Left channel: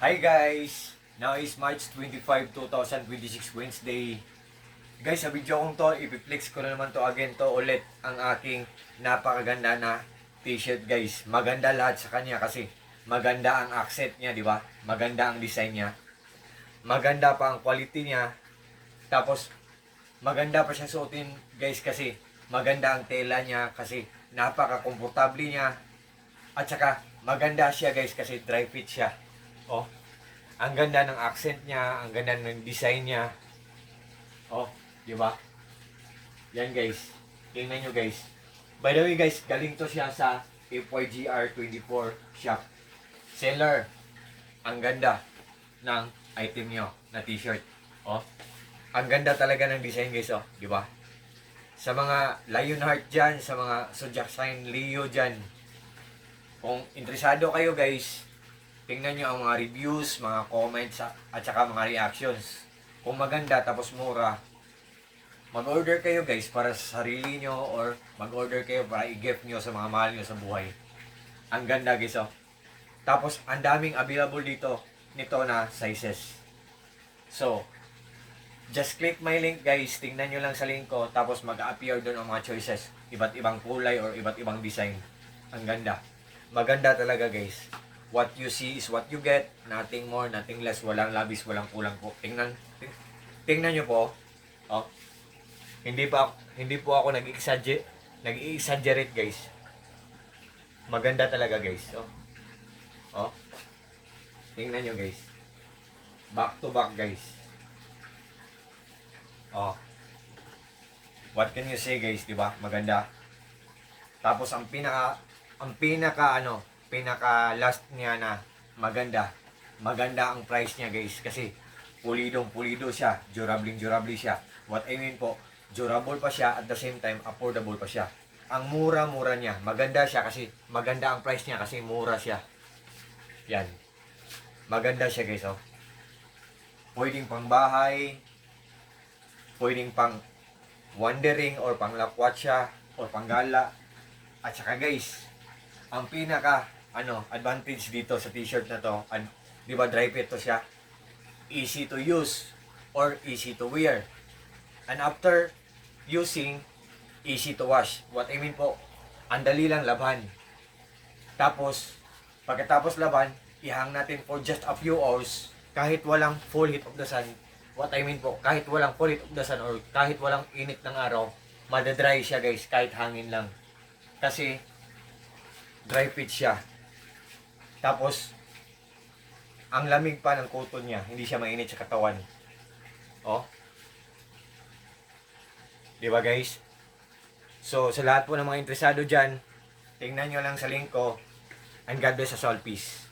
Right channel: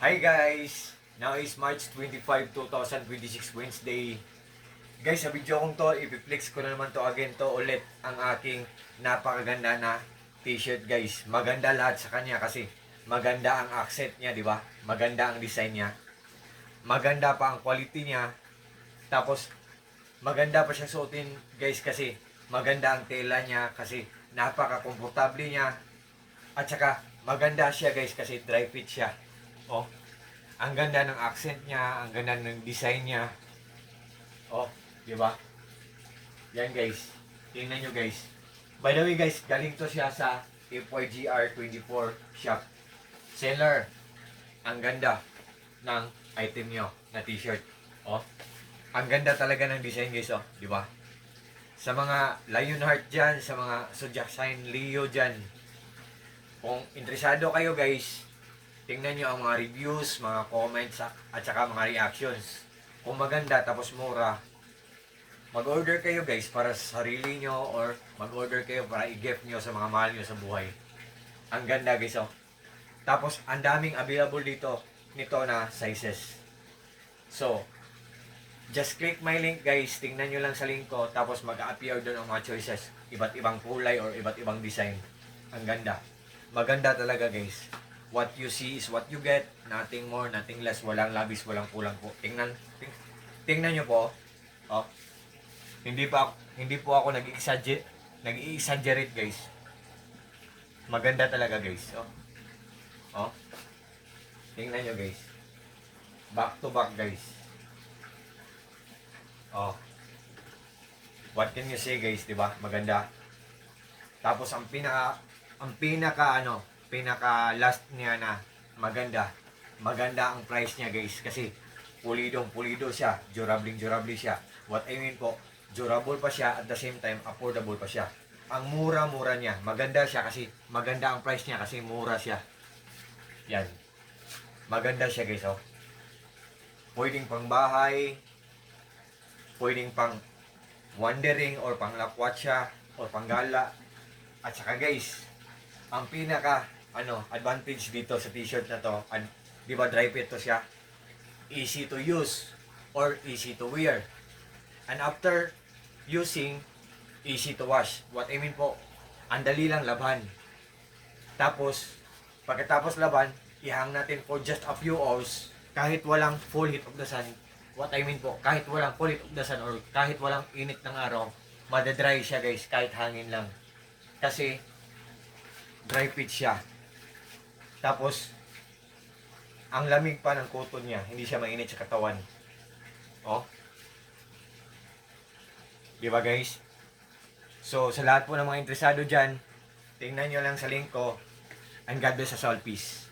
Hi guys! Now is March 25, 2026, Wednesday. Guys, sa video kong to, ipiplex ko na naman to again to ulit ang aking napakaganda na t-shirt guys. Maganda lahat sa kanya kasi maganda ang accent niya, di ba? Maganda ang design niya. Maganda pa ang quality niya. Tapos, maganda pa siya suotin guys kasi maganda ang tela niya kasi napaka-komportable niya. At saka, maganda siya guys kasi dry fit siya. Oh, ang ganda ng accent niya, ang ganda ng design niya. Oh, di ba? Yan guys. Tingnan nyo guys. By the way guys, galing to siya sa FYGR24 shop. Seller. Ang ganda ng item nyo na t-shirt. Oh, ang ganda talaga ng design guys, oh, di ba? Sa mga Lionheart dyan, sa mga Zodiac Sign Leo dyan, kung interesado kayo guys, tingnan nyo ang mga reviews, mga comments, at saka mga reactions. Kung maganda tapos mura, mag-order kayo guys para sa sarili nyo or mag-order kayo para i-gift nyo sa mga mahal nyo sa buhay. Ang ganda guys, oh. Tapos, ang daming available dito nito na sizes. So, just click my link guys. Tingnan nyo lang sa link ko. Tapos mag-appear doon ang mga choices. Iba't ibang kulay or iba't ibang design. Ang ganda. Maganda talaga guys. What you see is what you get. Nothing more, nothing less. Walang labis, walang kulang po. Tingnan nyo po. Oh. Hindi po ako nag-exaggerate guys. Maganda talaga guys. Oh. Oh. Tingnan nyo guys. Back to back guys. Oh. What can you say guys, 'di ba? Maganda. Tapos ang pinaka last niya na maganda. Maganda ang price niya guys kasi pulido siya, durable siya. What I mean po, durable pa siya at the same time affordable pa siya. Ang mura-mura niya, maganda siya kasi maganda ang price niya kasi mura siya. Yan. Maganda siya guys, oh. Pwedeng pang bahay, pwedeng pang wandering or pang lakwatsa or pang gala. At saka guys, ang pinaka advantage dito sa t-shirt na to, di ba dry fit to siya? Easy to use or easy to wear. And after using, easy to wash. What I mean po, ang dali lang laban. Tapos, pagkatapos laban, ihang natin for just a few hours kahit walang full heat of the sun. What I mean po, kahit walang full heat of the sun or kahit walang init ng araw, madadry siya guys kahit hangin lang. Kasi dry fit siya. Tapos ang lamig pa ng cotton niya, hindi siya mainit sa katawan. Oh. 'Di ba guys? So sa lahat po ng mga interesado diyan, tingnan niyo lang sa link ko. And God bless us all. Peace.